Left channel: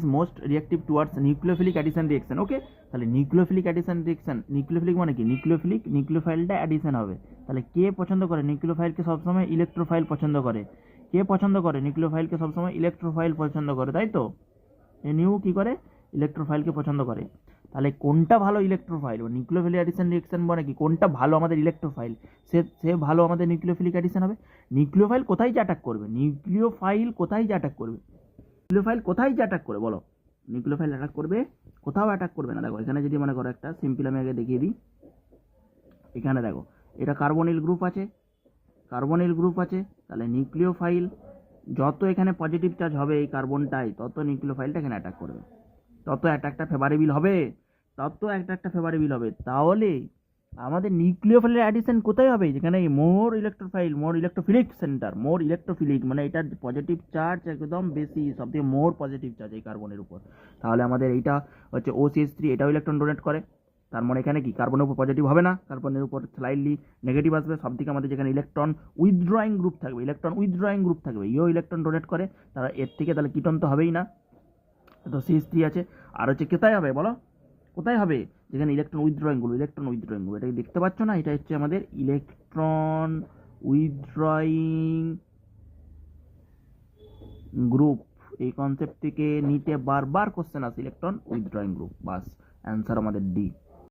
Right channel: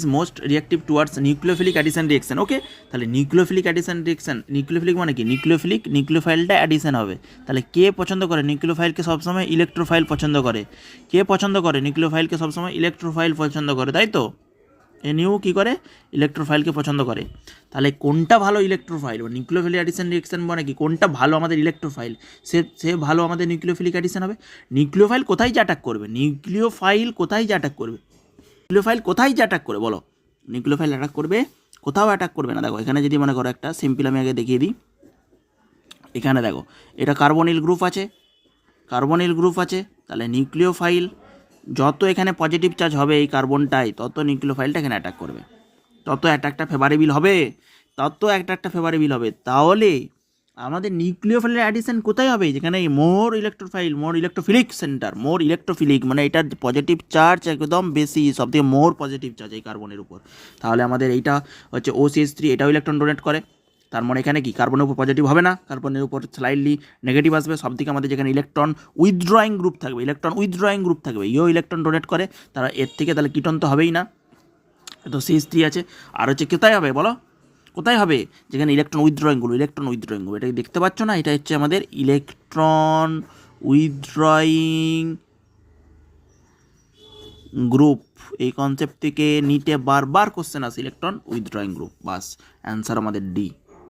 Is most reactive towards nucleophilic addition reaction. Okay, তাহলে nucleophilic addition reaction, nucleophilic মানে কি? নিউক্লিওফাইলটা addition হবে। তাহলে কে পছন্দ করে নিউক্লিওফাইলকে? সবসময় ইলেকট্রোফাইল পছন্দ করে। কে পছন্দ করে নিউক্লিওফাইলকে? সবসময় ইলেকট্রোফাইল পছন্দ করে, তাই তো? এনিউ কী করে? ইলেকট্রোফাইলকে পছন্দ করে। তাহলে কোনটা ভালো ইলেকট্রোফাইল? নিউক্লিওফিলিক অ্যাডিশন রিয়েকশন মানে কি? কোনটা ভালো আমাদের ইলেকট্রোফাইল, সে ভালো আমাদের নিউক্লিওফিলিক অ্যাডিশন হবে। নিউক্লিওফাইল কোথায় যে অ্যাটাক করবে? নিউক্লিওফাইল কোথায় যে অ্যাটাক করবে? নিউক্লিওফাইল কোথায় যে অ্যাটাক করে বলো? নিউক্লিওফাইল অ্যাটাক করবে? কোথাও অ্যাটাক করবে না। দেখো এখানে যদি মনে করো একটা সিম্পল আমি আগে দেখিয়ে দিই। এখানে দেখো এটা কার্বনিল গ্রুপ আছে, কার্বনিল গ্রুপ আছে। তাহলে নিউক্লিওফাইল যত এখানে পজিটিভ চার্জ হবে এই কার্বনটাই, তত নিউক্লিওফাইলটা এখানে অ্যাটাক করবে, তত অ্যাটাকটা ফেভারেবল হবে, তত অ্যাটাকটা ফেভারেবল হবে। তাহলে আমাদের নিউক্লিওফাইলের অ্যাডিশন কোথায় হবে? যেখানে মোর ইলেকট্রোফাইল, মোর ইলেকট্রোফিলিক সেন্টার, মোর ইলেকট্রোফিলিক মানে এটার পজিটিভ চার্জ একদম বেশি, সবথেকে মোর পজিটিভ চার্জ এই কার্বনের উপর। তাহলে আমাদের এইটা হচ্ছে OCH3, এটাও ইলেকট্রন ডোনেট করে। তার মানে এখানে কি কার্বনের উপর পজিটিভ হবে না, কার্বনের উপর স্লাইডলি নেগেটিভ আসবে। সবদিকে আমাদের যেখানে ইলেকট্রন উইথড্রয়িং গ্রুপ থাকবে, ইলেকট্রন উইথড্রয়িং গ্রুপ থাকবে, ইও ইলেকট্রন ডোনেট করে। তারা এর থেকে তাহলে কিটন তো হবেই না, তো CH3 আছে। আর হচ্ছে কোথায় হবে বলো? কোথায় হবে? যেখানে electron withdrawing group, electron withdrawing group, এটা দেখতে পাচ্ছ না? এটা হচ্ছে আমাদের ইলেকট্রন উইথড্রয়িং গ্রুপ। এই কনসেপ্ট থেকে নিটে বারবার কোশ্চেন আসে, ইলেকট্রন উইথড্রয়িং গ্রুপ। বাস অ্যান্সার আমাদের ডি।